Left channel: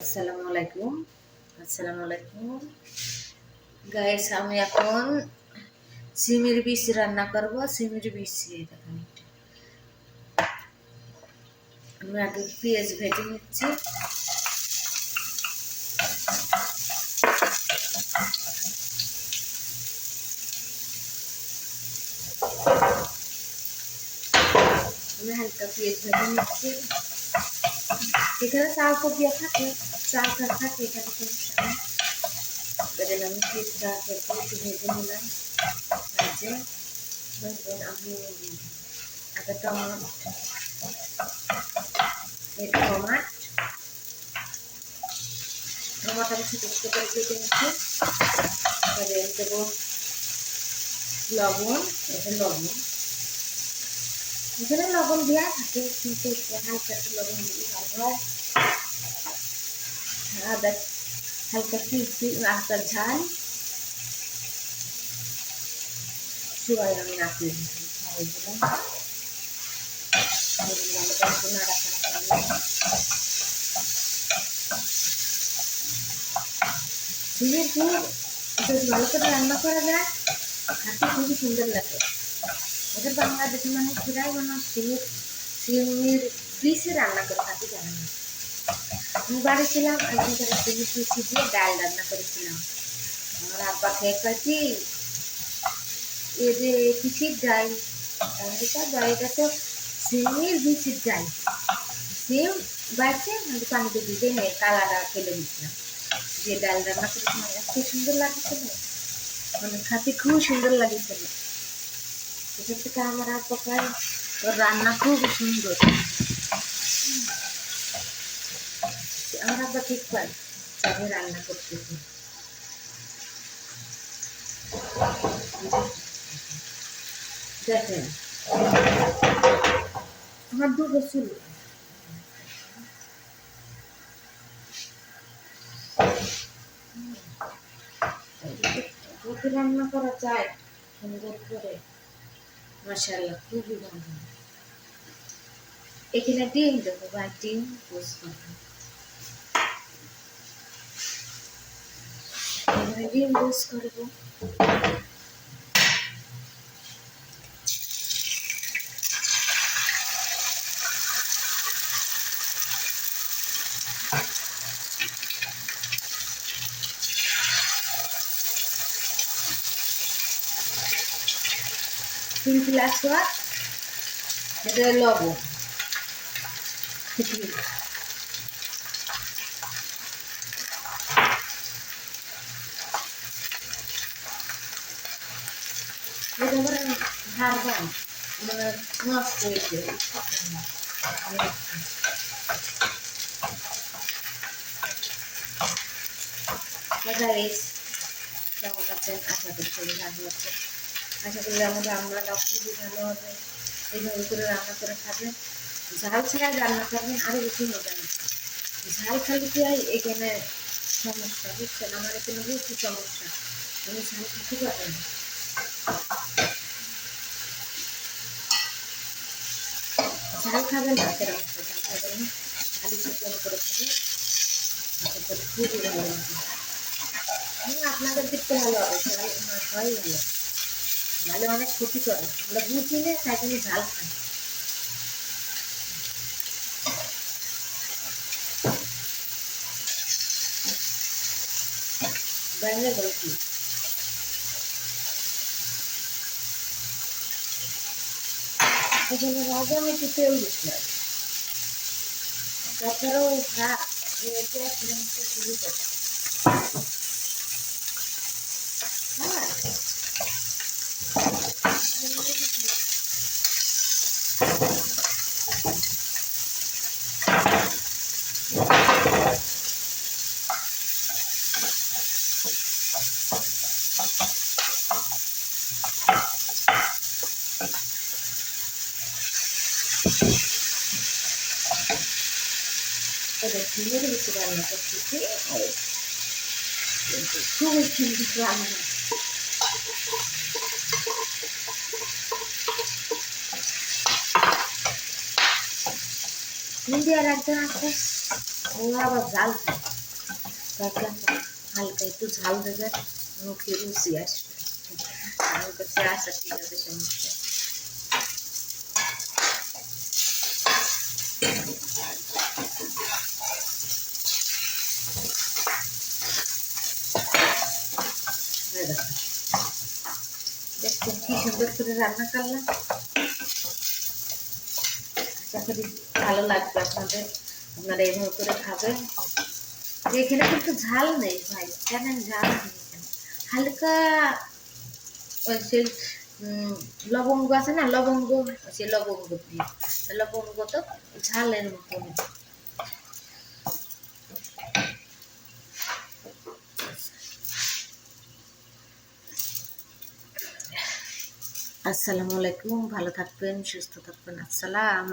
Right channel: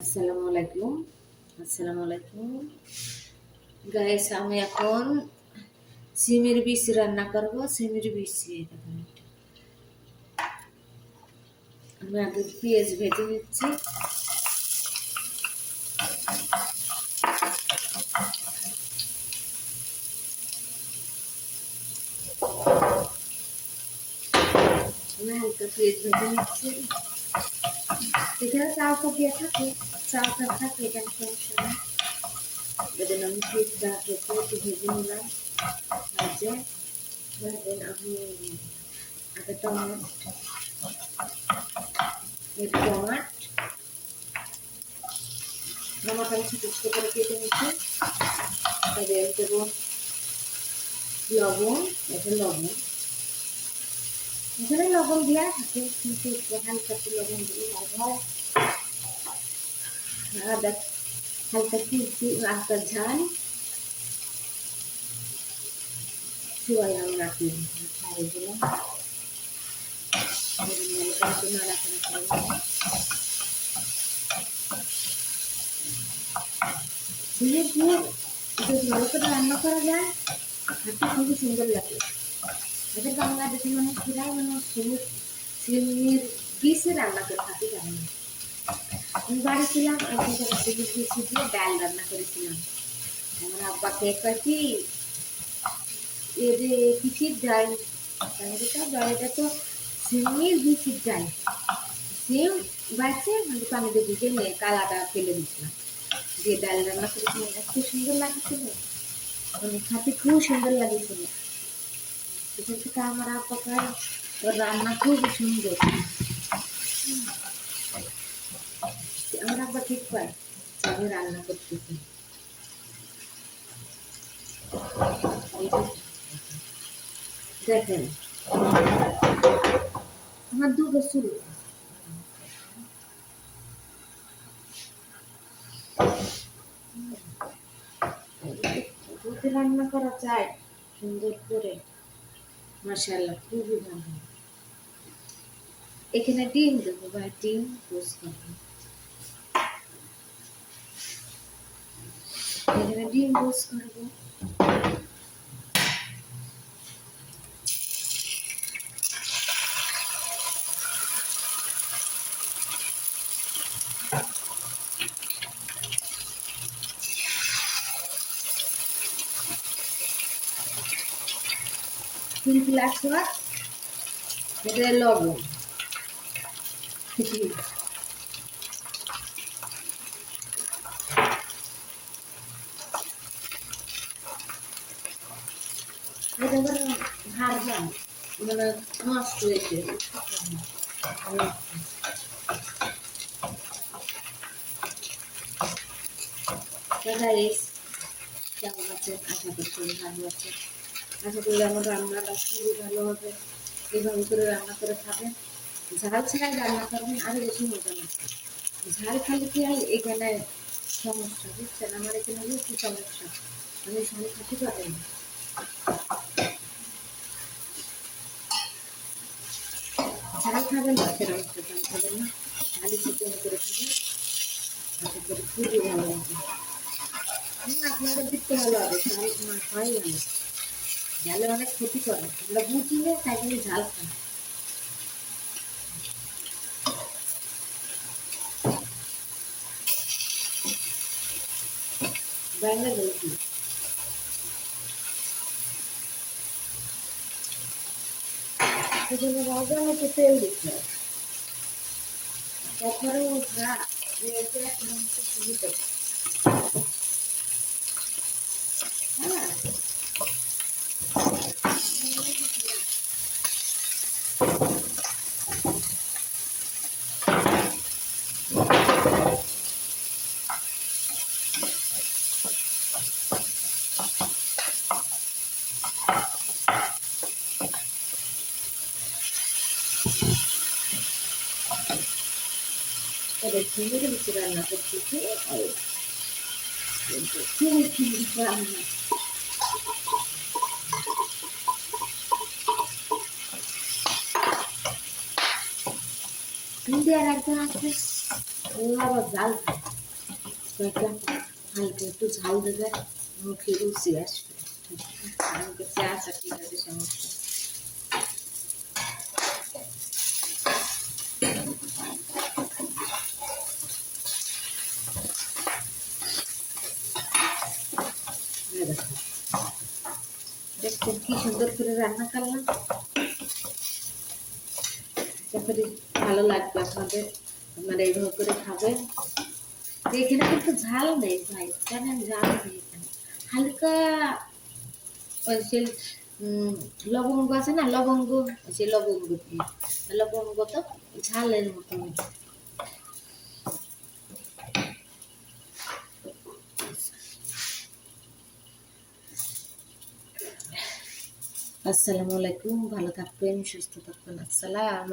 আসসালামু আলাইকুম গাইস, আমি এখন সিমের বিচ রান্না করব। সিমের বিচ দেখুন, আমি আগে পেঁয়াজ ভেজে নিচ্ছি। আমি হালকা পেঁয়াজ ভেজে নিচ্ছি। এখানে চাল কপিয়া থাকে, চাল থাকে, এখানে সমস্যা নেই। এবার আমি পেঁয়াজটা একটু ভেজে নিলাম। ভেজে আমি আগে টমাট আমি ছোটো ছোটো করে কেটে নিচ্ছি। দেবো লবণ। এখানে লবণ দেওয়া থাকে, কিন্তু হালকা একটু লবণ দিলে ভালো হয়। আদা হালকা আদার ঝাল চুয়াই আমি নাড়িয়ে ঝাল দিলাম। একটু নাড়াচাড়া করলাম। সিমের পুর যদি ভালো করে রান্না করা যায়, খেতে খুবই সুন্দর লাগে। এটা বাংলাদেশের মানুষ প্রায় মানুষ সিমের বিষে রান্না করে খাতে জানে না। আমি বাড়ি ছিলাম, একদিন সিমের বিচি দিয়ে ডাল রান্না করেছিলাম। আমার আব্বা খেয়ে কাছি এ যে কিসির ডাল, এটা তো সিমের বিচির ডাল। সিম বাড়ছে, আমি পানিতে ভিজে নিয়ে কালাটা ফেলে দিচ্ছিলাম, যে ডাল রান্না করেছিলাম। এত সুন্দর লাগছিল, মানে খাতে খুব সুন্দর লাগছিল। এখান থেকে আমার আব্বা খায়, ওর রান্না খুব সুন্দর। আমার আব্বা ঠিক পায় তবে রান্না করতেছি। দেখেন আমার দুটো চুল, যদি রান্না করা যায় সুন্দর করে, মাশাআল্লাহ খুবই ভালো। এখানে ডিম দেবো, ভাই ডিম পোস্ট করবো। এখানে ডিম পোস্ট করবো। তিন গ্লাস ভাত, এটা লবণ, এটা আবার হারবান, মানে নষ্ট হয়েছে। কেমন আছেন? আশা করি সবাই ভালো আছে। আশা করি আমার রান্নাটা খুবই ভালো হবে। এইভাবে করে রান্না করে খাবেন, ঝাল ছাড়া রান্না করবেন, আরও বেশি মজা না। ঝাল খালি কি হয়, এখানে সমস্যা, বুঝছেন? আমার এখানে বেশি সমস্যা, আমি ঝাল খেতে পারি না। ঝাল খাবেন না, সেরকম ঝাল খাবেন না, ঝালি চিকেন করে খাবেন, আশা করি খুবই ভালো হবে। আপনাদের দেখতে ভালো হবে, ঝাল না খাওয়াই ভালো। ঝালে অনেক ক্ষতি করে, আমরা বুঝি না, তাই জন্য ঝাল খাই। বাইরে বলছি এখানে রাজা আমি একটু তেল দিচ্ছিলাম, তাছাড়াও সুবিধা। হ্যাঁ, তবে সিমের ভিতরে রান্না করতেছি, কিন্তু খুবই সুন্দর রান্না। ইন্ডিয়ার একজন আছে, ও আবার জাল খায়। দেখলাম হালকা একটু ঝাল দেবে, মুখে রুচি আসবে। আমার কাছে আসা ঠিক আছে, সমস্যা। দেখছেন কি সুন্দর করে রান্না করলাম। আশা করি ভালো লাগবে আপনাদের, আপনারা এইভাবে করে খাবেন। এখানে কিন্তু ঝাল নেই ভাই, জানেন, ঝাল নেই এখানে। হালকা ওই সে লবঙ্গ আছে না, লবঙ্গ, সে লবঙ্গ দিয়ে, লবঙ্গ তো ঝালের মতন। আসসালামু আলাইকুম, ভালো থাকবেন, সুস্থ থাকবেন। আসসালাম।